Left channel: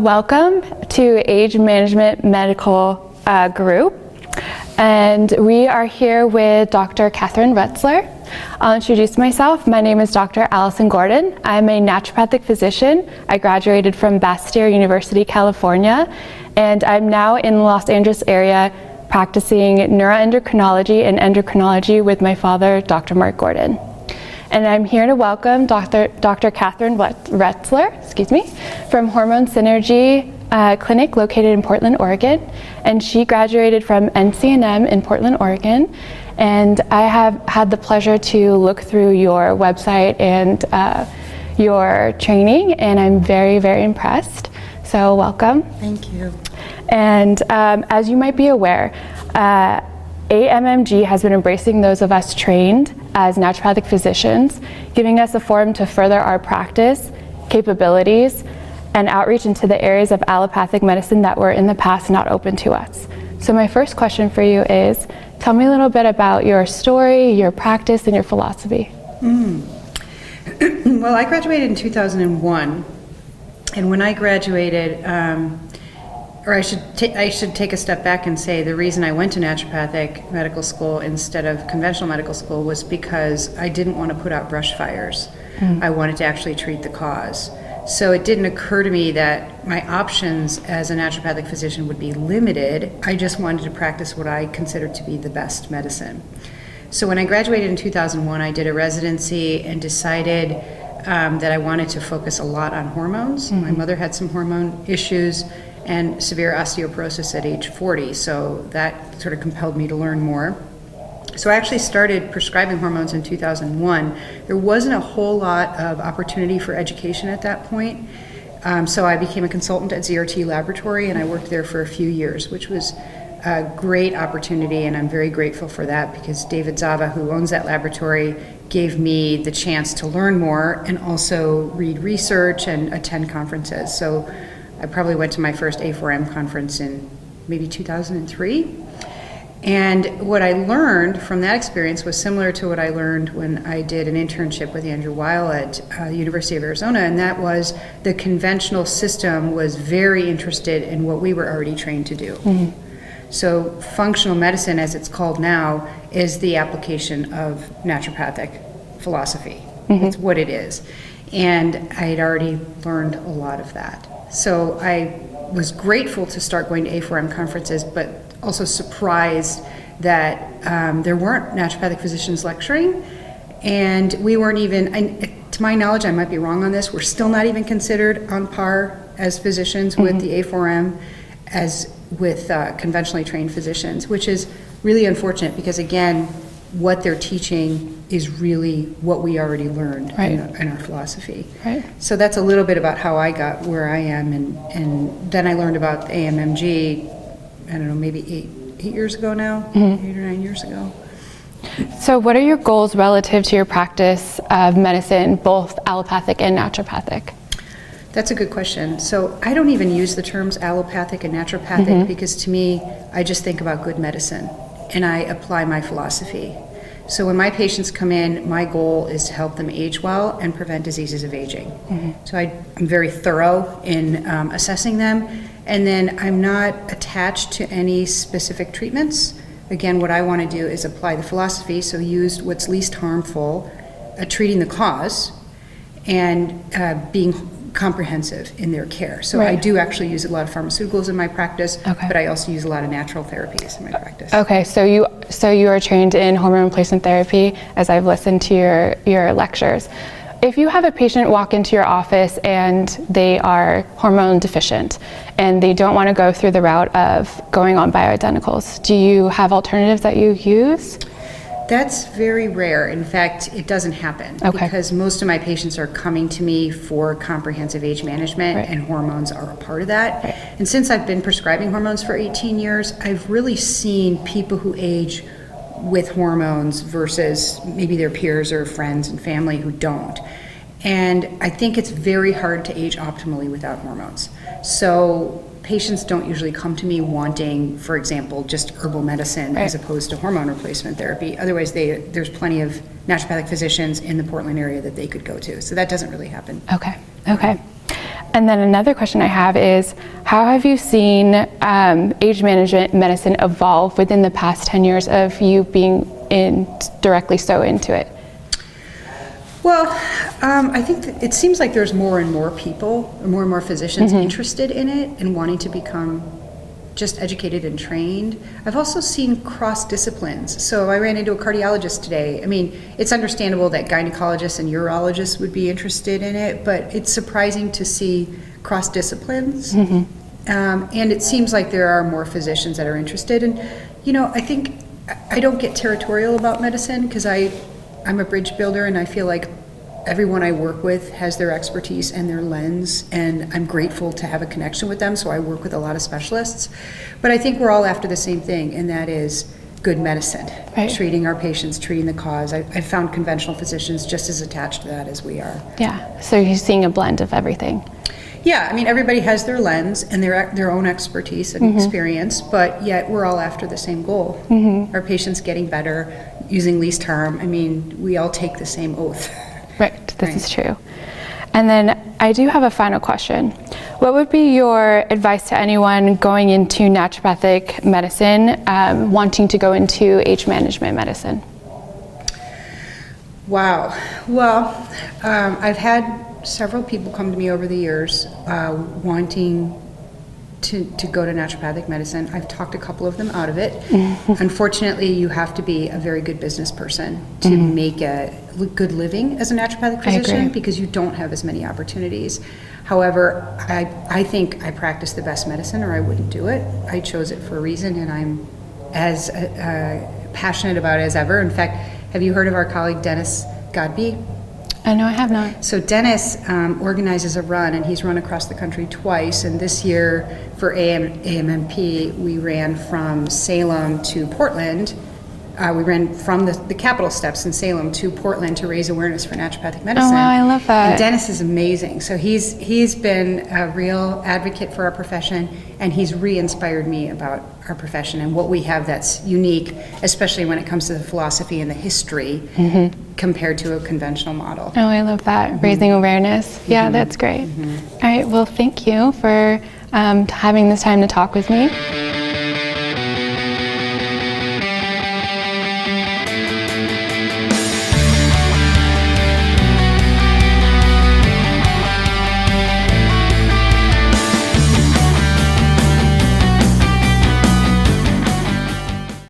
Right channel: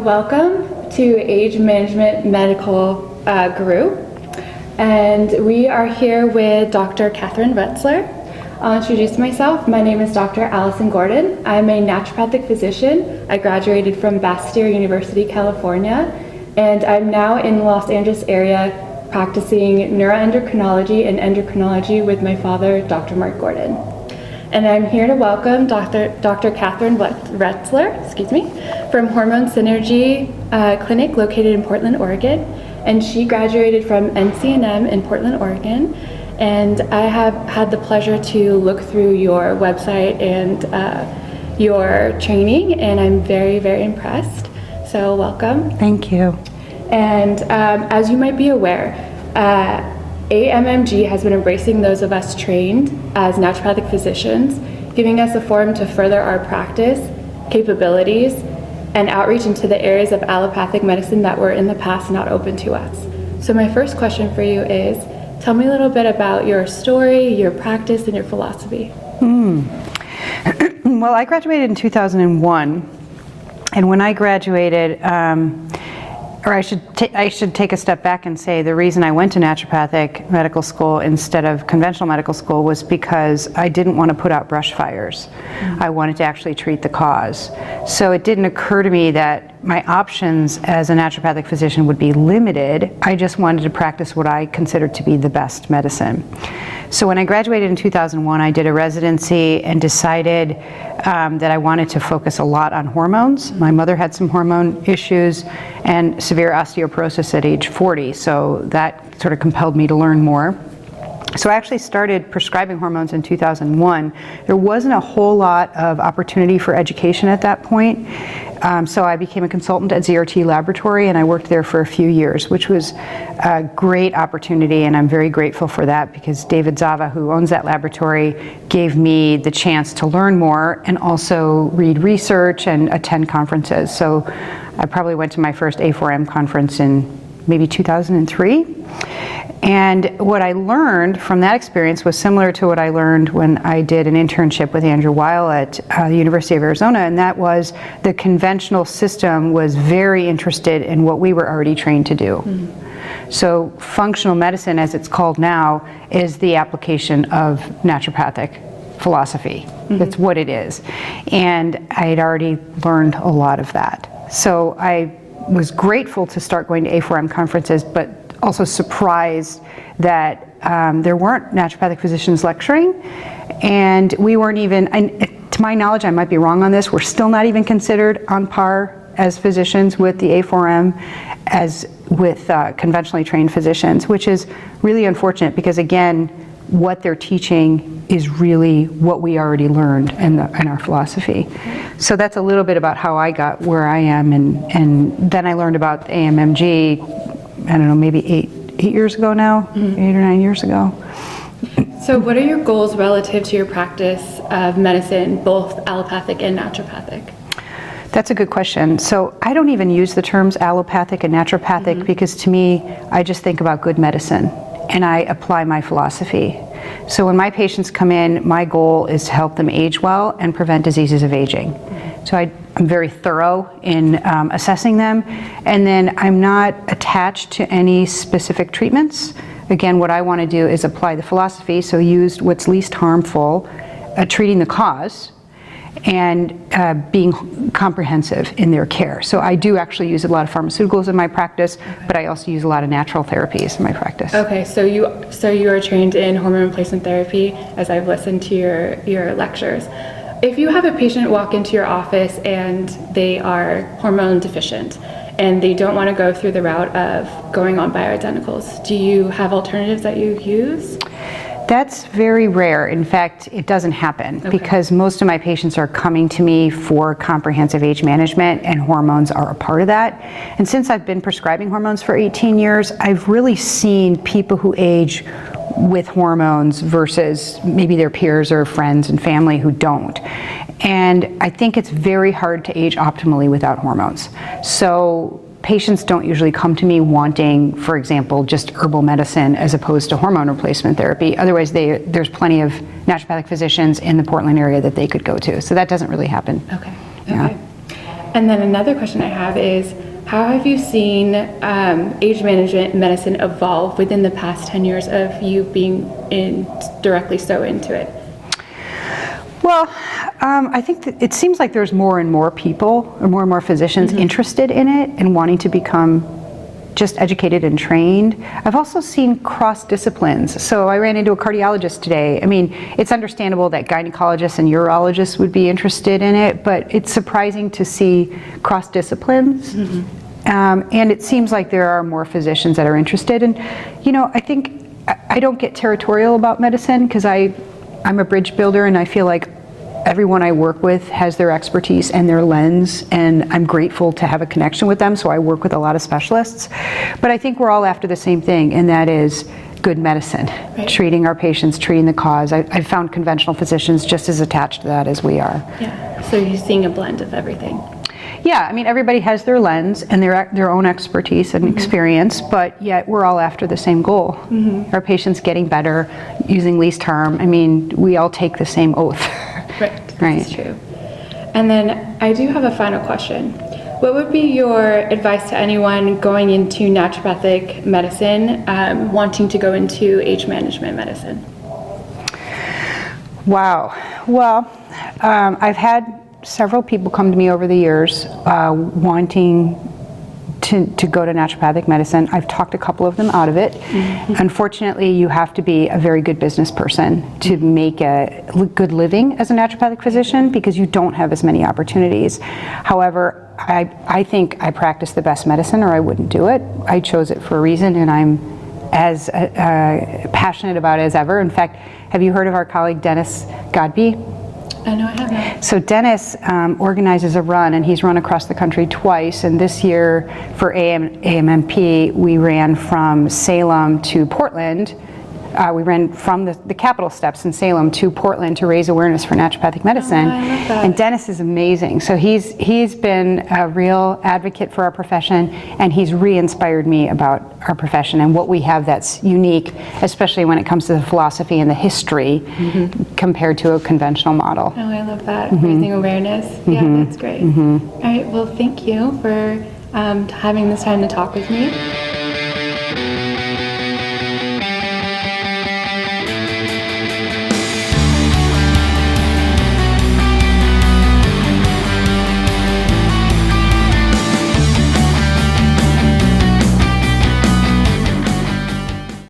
welcome to Age Management Medical Group, and we are here with Dr. Kathryn Retzler. I'll introduce myself. My name is Dr. Alison Gordon. I'm a naturopathic physician. I graduated from Bastyr University, California, and I'm now in the Los Angeles area practicing neuroendocrinology and endocrinology with my father, Dr. Mark Gordon. And I'm here to welcome Dr. Kathryn Retzler, from Hormone Synergy Clinic located in Portland, Oregon. And she graduated from NCNM in Portland, Oregon. And I have had the pleasure to look through your website and your training, and I'm very, very impressed. So welcome. Thank you. And as you might be aware, AMMG has been embracing those of us trained as naturopathic physicians, giving us a forum to further our practice, capabilities, and outreach into the areas of allopathic medicine that were in the past not open to us. So my first question for you is, tell me a little bit about your story, your practice, and your philosophy. Well, I graduated in 2001, and when I graduated, or I should take a step back and say the reason I went to naturopathic medical school instead of conventional medical school was because I didn't want to put out brush fires. I wanted to actually treat the cause. So it didn't occur to me that my options as a naturopathic physician would be limited. I just wanted to practice what I considered to be the best medicine. So when I graduated in 2001, I did a residency and decided that I wanted to focus a lot on hormones. My mother had some hormone issues and severe osteoporosis at age 40, so that sort of compelled me to learn more. So I actually started prescribing hormones in 2001. There wasn't a whole lot of opportunity for education at that point. So I became a consultant at ZRT Laboratory, and I worked there for a few years, which was a great opportunity, and I'm very grateful for that because David Zava, who owns that laboratory, gave me the chance to learn more and also read research and attend conferences. So I probably went to my first A4M conference in maybe 2003. And what I learned from that experience was similar to what I learned when I did an internship with Andrew Weil at the University of Arizona, and that was the conventional system was very interested in what we were already trained to do. So functional medicine, as it's called now, is the application of naturopathic philosophy. That's what it is. And I had already learned a lot of that. So I was grateful to start going to A4M conferences, but also surprised that there weren't naturopathic physicians lecturing, and we weren't even, to my knowledge, I might be wrong on this, we're still not even considered on par as physicians with the A4M as with conventionally trained physicians, which is really unfortunate because, again, what they're teaching is really what we already learned in our philosophy. So that's a little bit about how I got where I am, and then I learned about AMMG, I don't know, maybe eight years ago now, 8 or 9 years ago. So what are your goals relative to your practice of medicine, both allopathic and naturopathic? That's a good question. So I don't even use the terms allopathic and naturopathic because to me, I just think about good medicine and I apply my philosophy. So when my patients come in, my goal is to help them age well and prevent diseases of aging. So I'm very thorough in assessing them, and then I'm not attached to any specific treatments. Again, what I want to do is apply the philosophy, so use what's least harmful, treating the cause, and being comprehensive in their care. So I do actually use a lot of pharmaceuticals in my practice, but I also use a lot of natural therapies in my practice. Okay, so you are trained in hormone replacement therapy, as I've listened to your lectures. If you have a patient walk into your office and they are hormone deficient and they don't want to go through the route of going on bioidenticals, do you have alternatives that you use? That's very rare. In fact, it doesn't happen because most of my patients are coming to me for comprehensive age management and hormones are a part of that. And since I've been prescribing hormones for 18 years, I've really seen people who age with hormones versus maybe their peers or friends and family who don't. And I think it's very hard to age optimally without hormones. So patients don't usually come to me wanting, for example, just herbal medicine as opposed to hormone replacement therapy. Otherwise, there's plenty of naturopathic physicians in the Portland area that they could go to. So that doesn't really happen. Okay. Okay. And then another question I have is, how have you seen age management medicine evolve within the past 10 years of you being directly so into it? Well, I think that it seems like there's more and more people, or more and more physicians interested in it and wanting to become just educated and trained. I've also seen cross disciplines. So I ran into a cardiologist today. I mean, it's understandable that gynecologists and urologists would be interested in it, but it's surprising to see cross disciplines. And it seems like there are more physicians that are interested. And, you know, I think I don't get territorial about medicine because I'm a bridge builder, and I feel like everyone I work with has their expertise and their lens, and I'm grateful to have a connection with them, so I work with a lot of specialists. But I think we're all after the same thing, and that is good medicine, treating our patients, treating the cause. I've found conventional physicians just as attached to that as we are. Yeah, so you're seeing a blend of everything. Yeah, I mean, everybody has their lens and their own expertise and experience, but yet we're all after the same goal. Our patients getting better, using least harm. I mean, we all take the same oath. Right, this is true. And then I do have a final question. What would be your advice to anyone going into naturopathic medicine, wanting to go into age management medicine? Wow. Well, I've had several people come to me over the years wanting to go to naturopathic medicine. I've talked a couple of them out of it. Unfortunately, you have to be a very good business person to make a good living as a naturopathic physician because you don't have as many opportunities. However, I think I practice the best medicine, or I wouldn't do it. I chose it for a reason, and I'm as passionate about it as ever. In fact, have you heard of our colleague Dennis Godby? No, I have not. So Dennis organizes a run, and he's run across the country twice. And this year for AMMP, we ran from Salem to Portland. We ran from the Capitol steps in Salem to Portland to raise awareness for naturopathic medicine. Oh, I love that. And Dennis is amazing. So he's been a real advocate for our profession, and he's re-inspired me about our profession and what we have that's unique, especially when it comes to the philosophy and the history compared to a conventional model. Oh, I love that. Raising awareness. Yeah, that's great. All right, well, thank you for having this time to talk with me.